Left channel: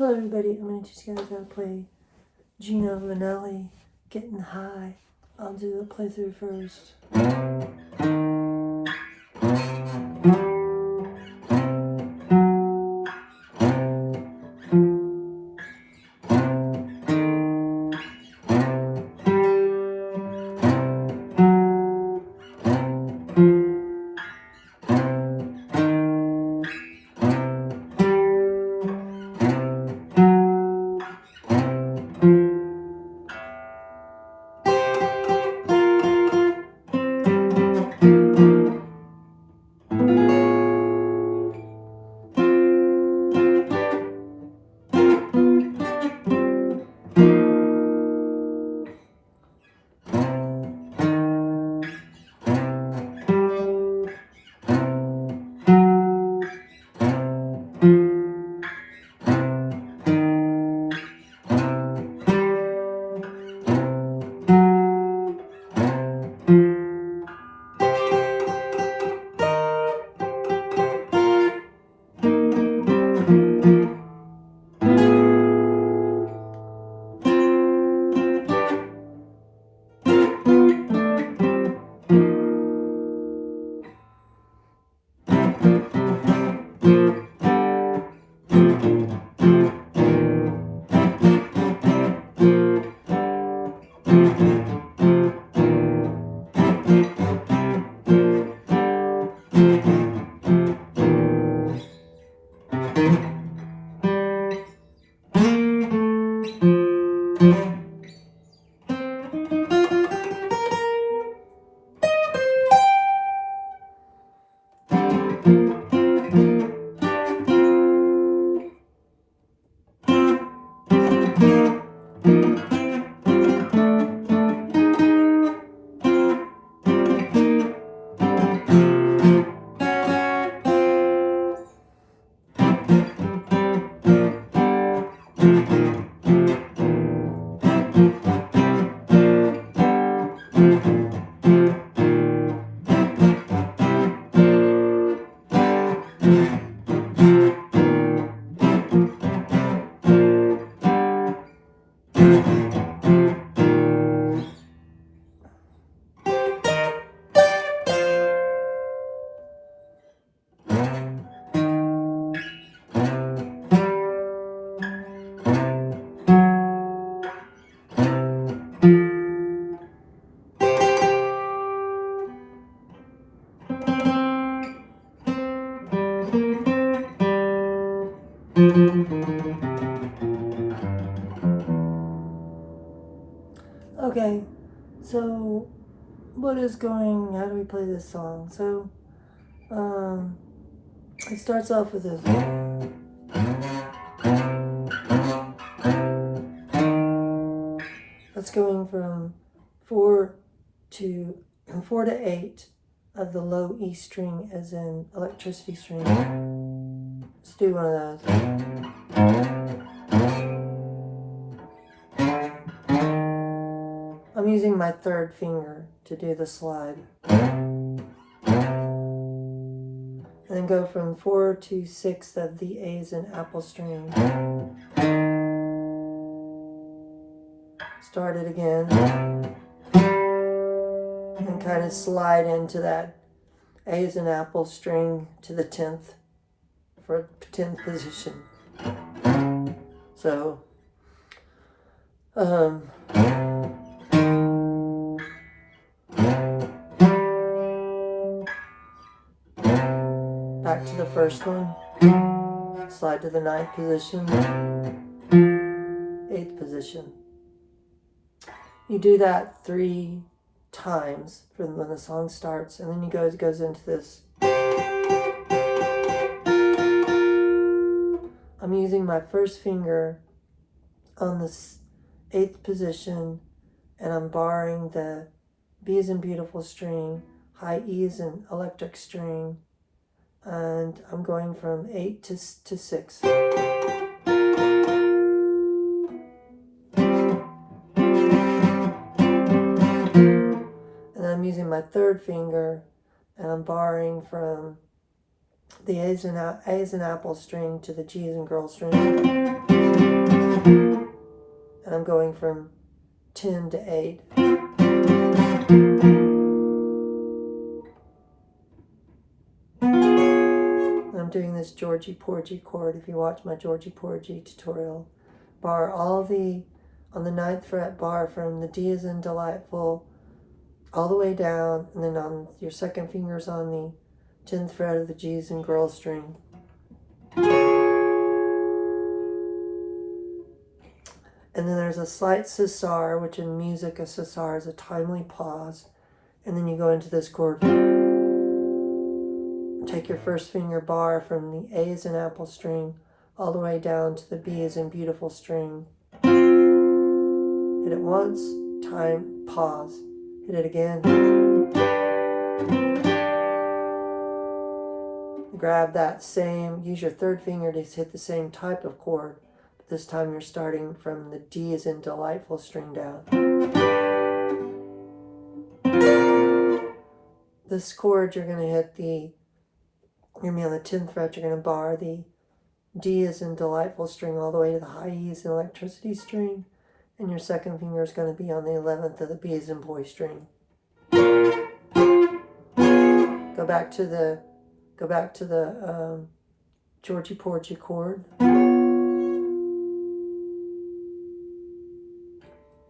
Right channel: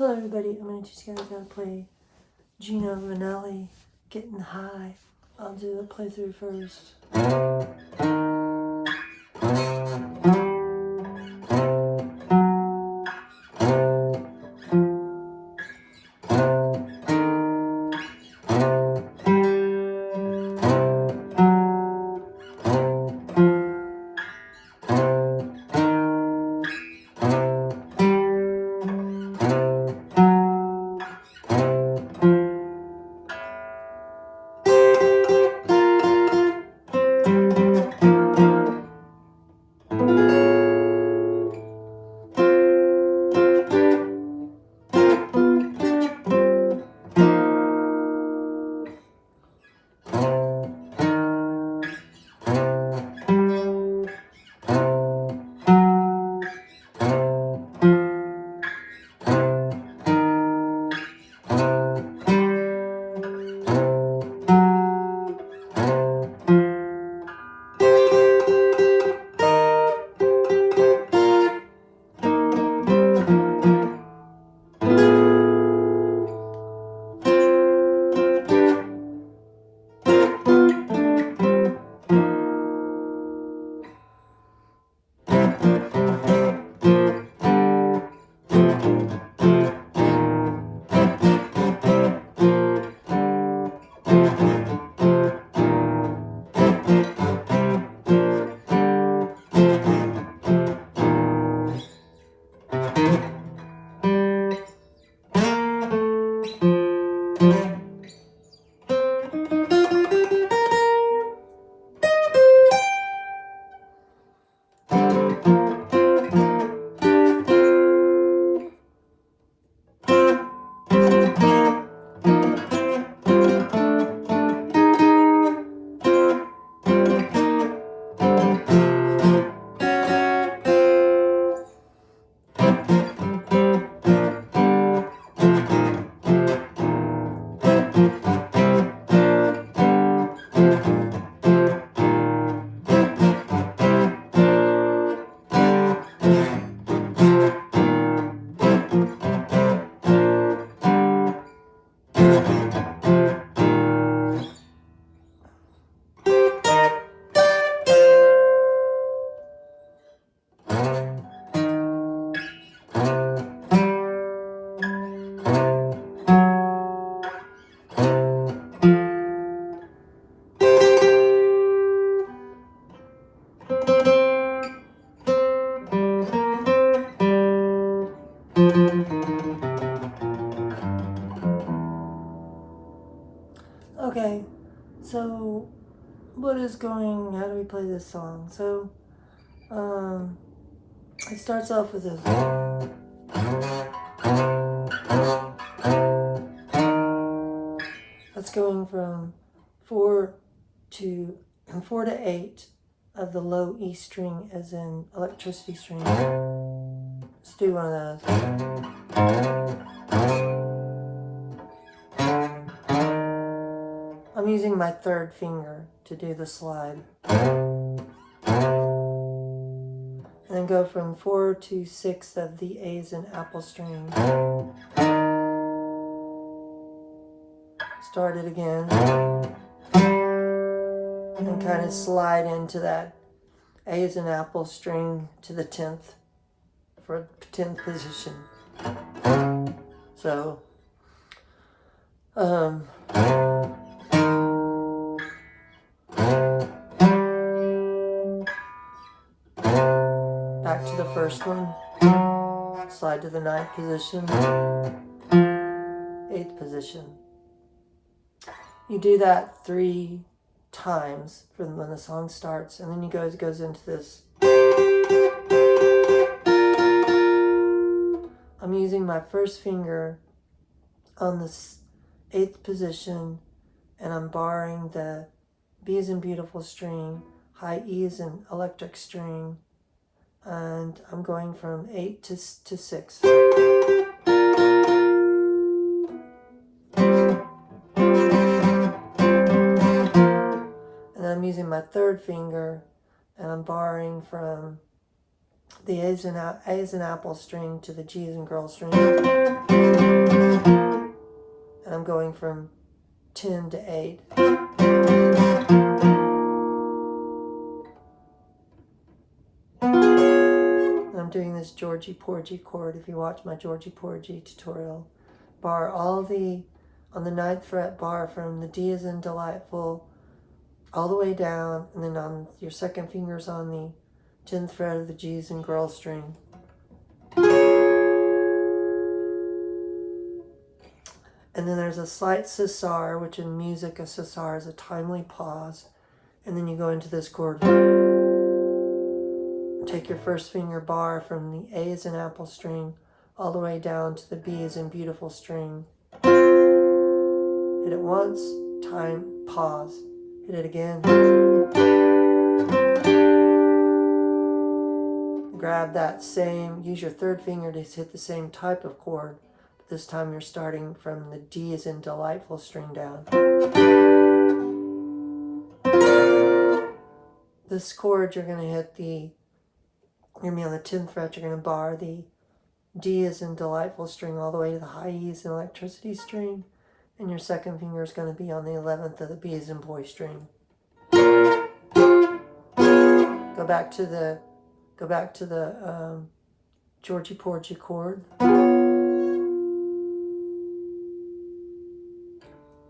Hello everybody, I'm going to teach you guys how to play Gino Vannelli, Getting High. I'll do the playthrough first. Okay, so how do we play this song? So, it starts off with this. That's going from 4 to 8 of the low E string, as in electricity string. Let's do one of those. I'm using my third finger to do the slide. And then go from 4 to 6 of the A's in apple string. Start it again. And kind of slide into that A's in apple string to the 10th for 10th position. So, back to the first one, slide to the 9th position, 8th position. You do that 3 times from when the song starts, and then it goes into this. I'm using my first finger on the 8th position, and I'm barring the B as in beautiful string, high E as in electric string, and I'm going from 8 to 6. And then I'm using my third finger, and I'm barring from the A's in apple string to the G as in girl string. I'm going from 10 to 8. I'm doing this Georgie Porgy chord. If you watch my Georgie Porgy tutorial, bar on the 9th fret, bar from the D as in delightful all the way down, and then on your second finger's on the 10th fret of the G as in girl string. And then there's a slight cesar, which in music a cesar is a timely pause. And then you go into this chord. Take your first finger, bar from the A as in apple string all the way down to the B as in beautiful string. Hit it once, time, pause. Hit it again. Grab that same, use your third finger to hit the same type of chord. But this time you're starting from the D as in delightful string down. This chord you're going to hit you're going to be on the 10th fret, you're going to bar the D as in delightful string all the way to the high E as in electricity string. And your second finger is going to be on the 11th of the B as in boy string. Go back to the Georgie Porgy chord.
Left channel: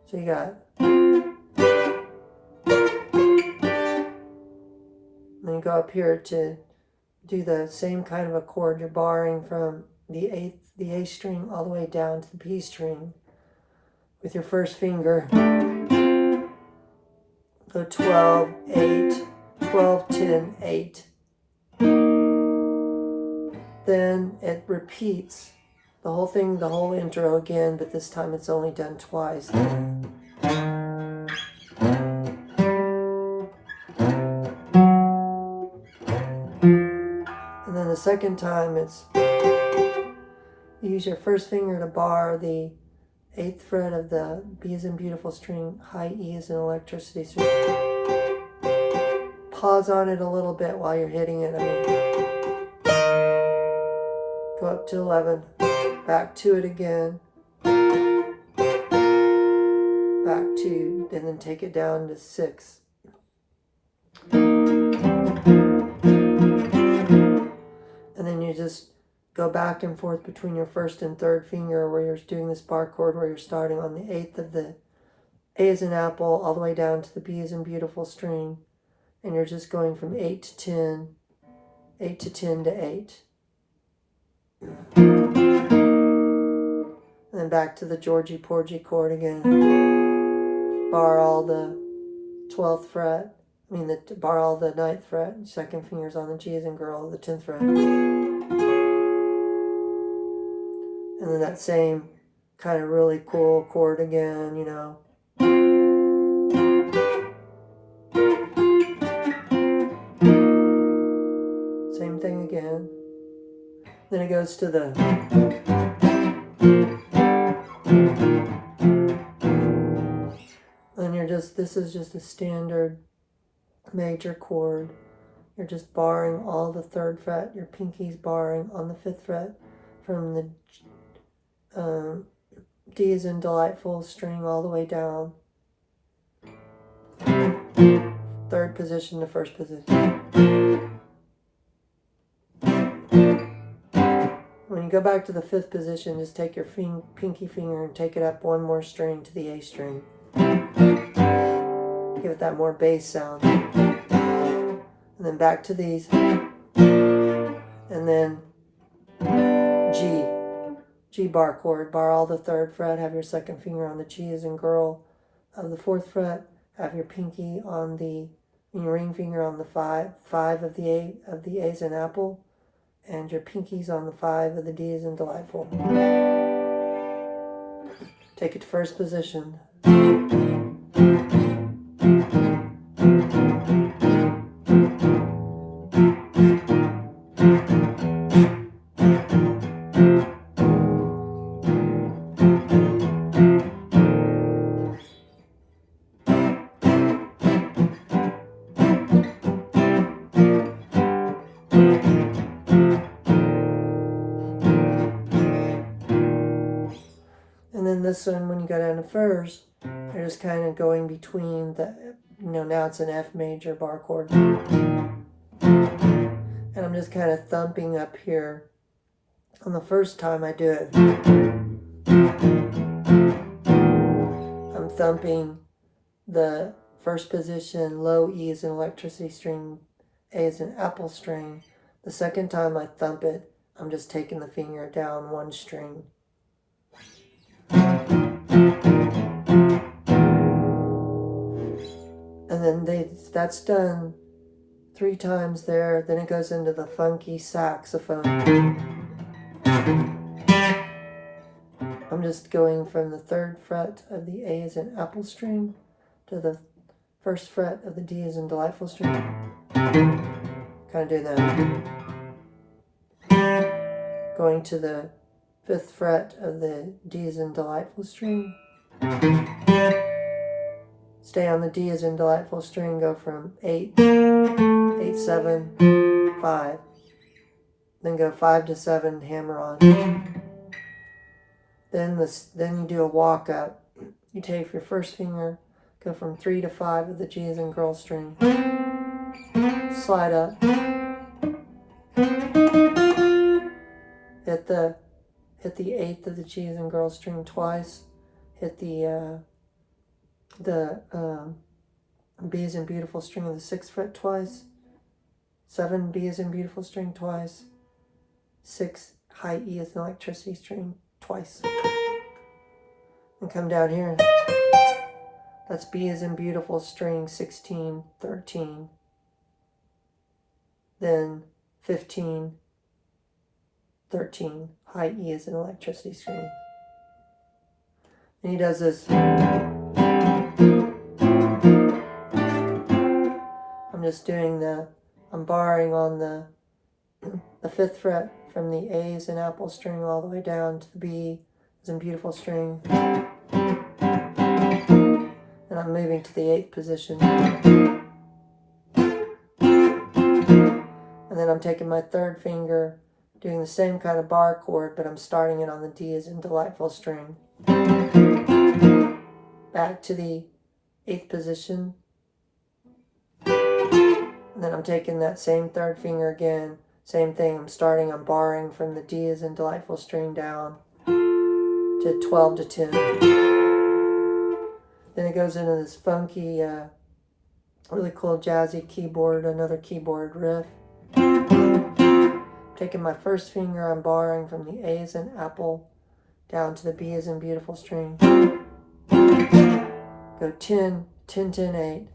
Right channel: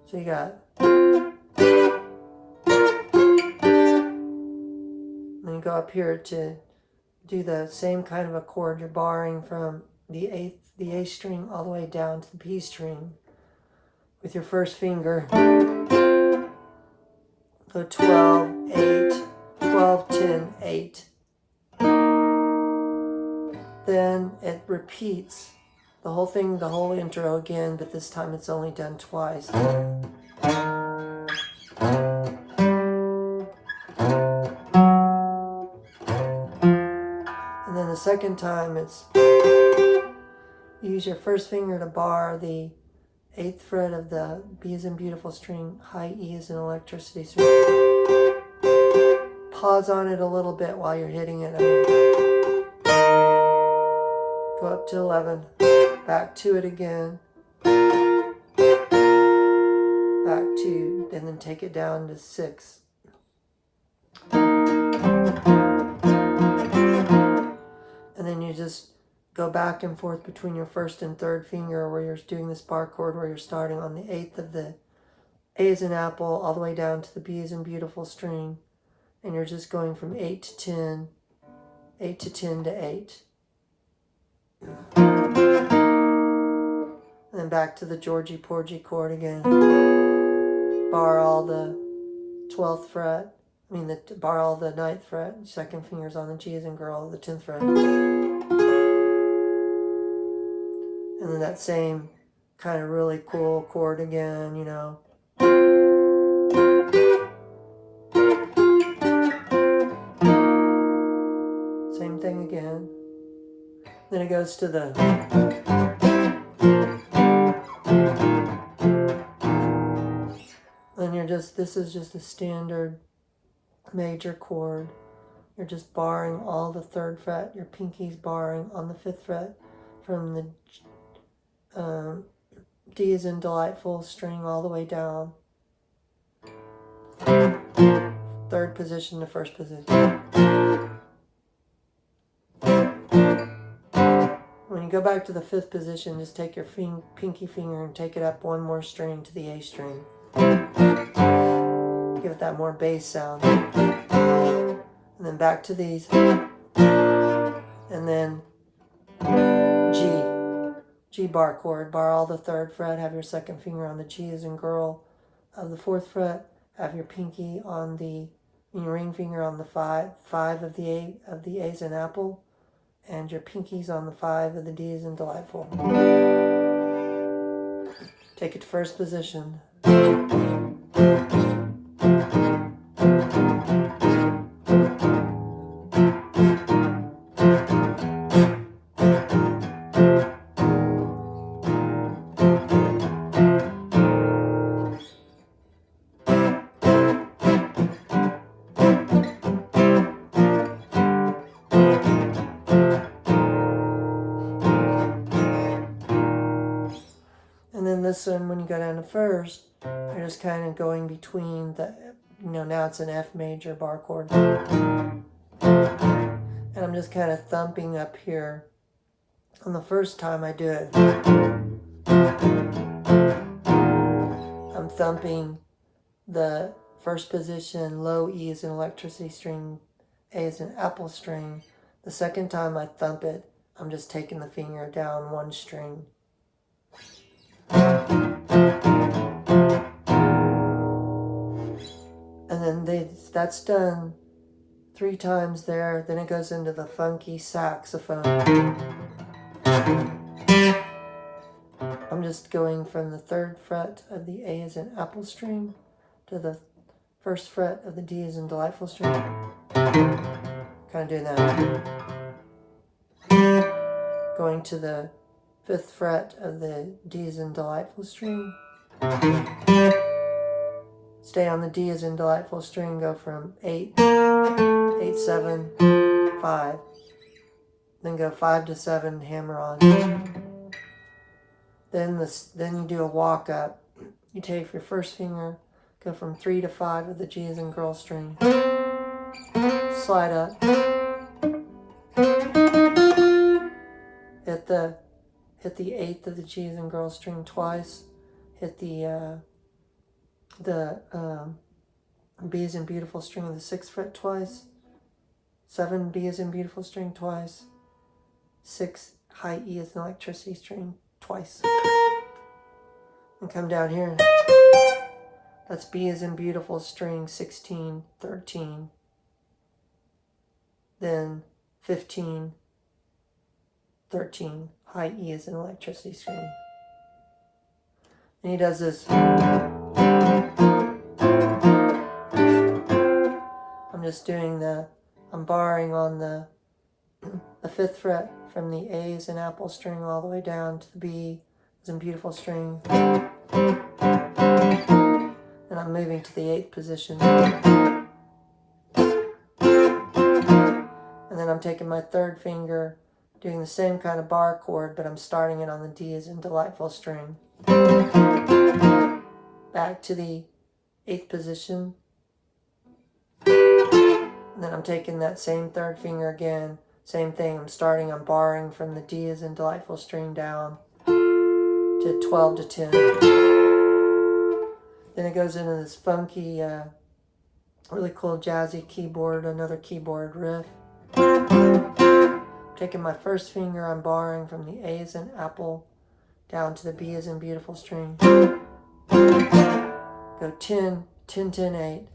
So you got. Then you go up here to do the same kind of a chord. You're barring from the A string all the way down to the B string with your first finger. Go 12, 8, 12, 10, 8. Then it repeats the whole thing, the whole intro again, but this time it's only done twice. And then the second time it's, you use your first finger to bar the 8th fret of the B as in beautiful string, high E as in electricity string. Pause on it a little bit while you're hitting it. Go up to 11, back to it again, back to, and then take it down to 6. And then you just go back and forth between your first and third finger where you're doing this bar chord where you're starting on the 8th of the A as in apple all the way down to the B as in beautiful string. And you're just going from 8 to 10, 8 to 10 to 8. And then back to the Georgie Porgy chord again. Bar all the 12th fret. Bar all the 9th fret. Second finger's on the G as in girl, the 10th fret. And then that same kind of really cool chord again, you know. Same thing again. Then it goes to the. And this is just a standard major chord. You're just barring all the 3rd fret. Your pinky's barring on the 5th fret from the D as in delightful string all the way down. 3rd position to 1st position. When you go back to the 5th position, just take your pinky finger and take it up one more string to the A string. Give it that more bass sound. And then back to these. And then G bar chord. Bar all the 3rd fret. Have your second finger on the G as in girl of the 4th fret. Have your pinky on your ring finger on the 5 of the A as in apple. And your pinky's on the 5 of the D as in delightful. Take it to 1st position. And then this one, when you go down to first, you're just kind of going between the, now it's an F major bar chord. And I'm just kind of thumping up here. On the first time I do it, I'm thumping the first position, low E is an electricity string, A is an apple string. The second time I thump it, I'm just taking the finger down one string. And then that's done 3 times there. Then it goes into the funky saxophone. I'm just going from the 3rd fret of the A as an apple string to the 1st fret of the D as in delightful string. Kind of doing that. Going to the 5th fret of the D as in delightful string. Stay on the D as in delightful string, go from 8, 8, 7, 5. Then go 5 to 7, hammer on. Then you do a walk up. You take your first finger, go from 3 to 5 of the G as in girl string. Slide up. Hit the 8th of the G as in girl string twice. Hit the B as in beautiful string of the 6th fret twice. 7 B as in beautiful string twice. 6 high E as an electricity string twice. And come down here. That's B as in beautiful string 16, 13. Then 15, 13, high E as an electricity string. And he does this. I'm just doing I'm barring on the 5th fret from the A as an apple string all the way down to the B as in beautiful string. And I'm moving to the 8th position. And then I'm taking my 3rd finger, doing the same kind of bar chord, but I'm starting it on the D as in delightful string. Back to the 8th position. And then I'm taking that same 3rd finger again. Same thing, I'm barring from the D as in delightful string down to 12 to 10. Then it goes into this funky, really cool jazzy keyboard, another keyboard riff. Taking my first finger, I'm barring from the A as in apple down to the B as in beautiful string. Go 10, 10, 10, 8.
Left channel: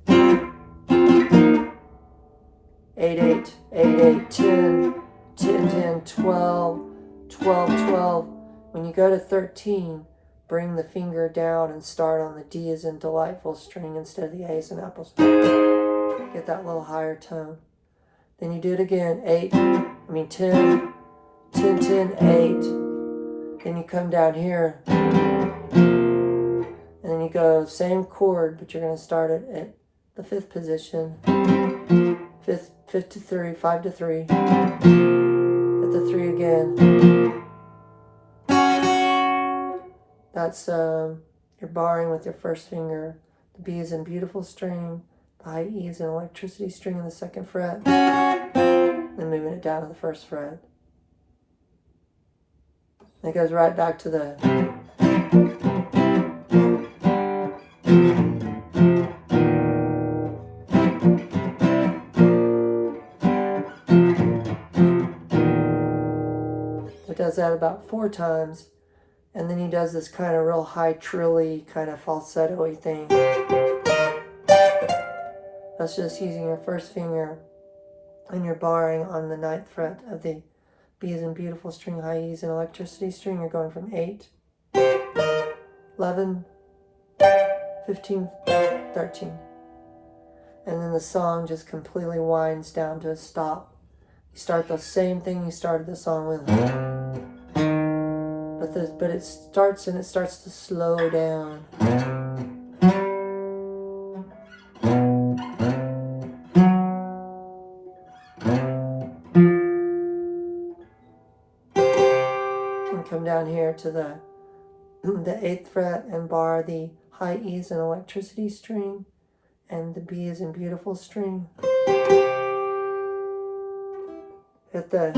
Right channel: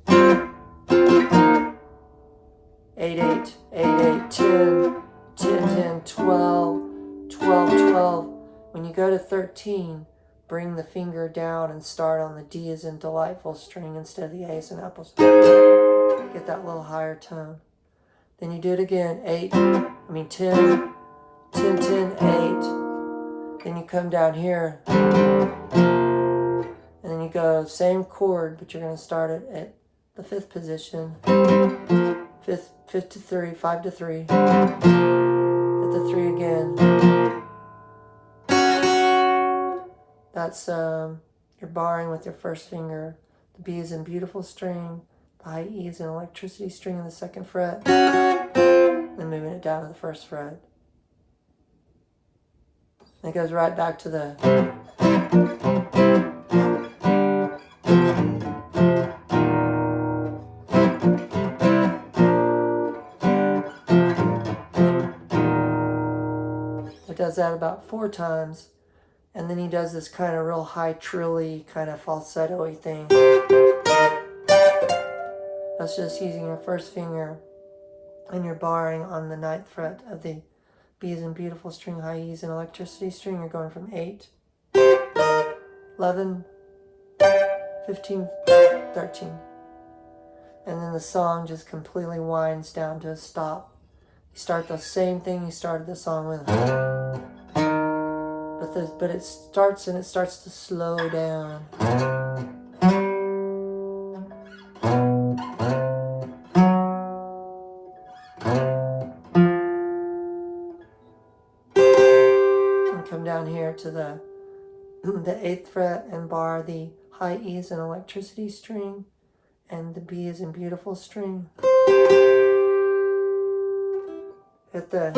8, 8, 8, 8, 10, 10, 10, 12, 12, 12. When you go to 13, bring the finger down and start on the D as in delightful string instead of the A as in apple string. Get that little higher tone. Then you do it again, 10, 10, 10, 8. Then you come down here, and then you go same chord, but you're going to start it at the 5th position. 5th to 3, 5 to 3. Hit the 3 again. That's you're barring with your first finger. The B is in beautiful string. The high E is an electricity string in the 2nd fret. Then moving it down to the 1st fret. And it goes right back to the It does that about 4 times, and then he does this kind of real high trilly, kind of falsetto-y thing. That's just using your first finger and you're barring on the 9th fret of the B as in beautiful string, high E as an electricity string. You're going from 8, 11, 15, 13. And then the song just completely winds down to a stop. You start the same thing you started the song with. But it starts to slow down. And come down here to the the 8th fret and bar the high E's and electricity string, and the B is in beautiful string. Hit the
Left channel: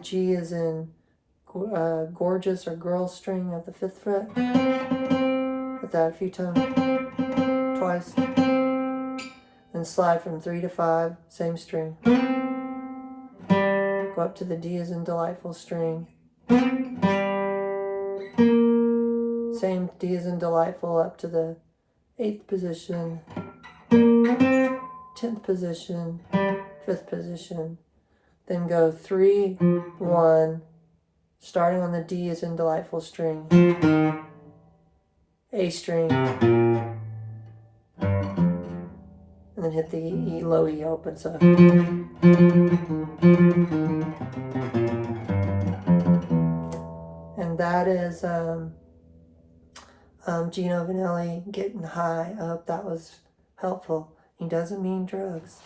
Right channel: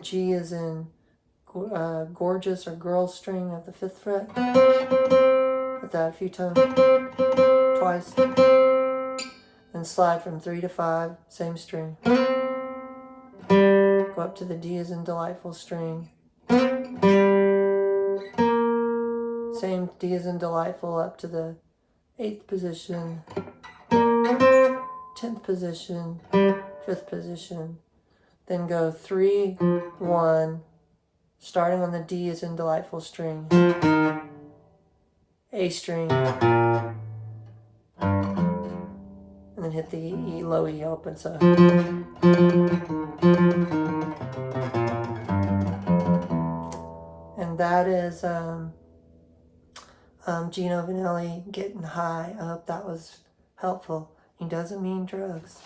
G is in gorgeous or girl string of the 5th fret. Hit that a few times, twice. Then slide from 3 to 5, same string. Go up to the D is in delightful string. Same D is in delightful up to the 8th position, 10th position, 5th position. Then go 3, 1, starting on the D is in delightful string, A string, and then hit the E, low E open. So and that is Gino Vannelli, Getting High. I hope that was helpful. He doesn't mean drugs.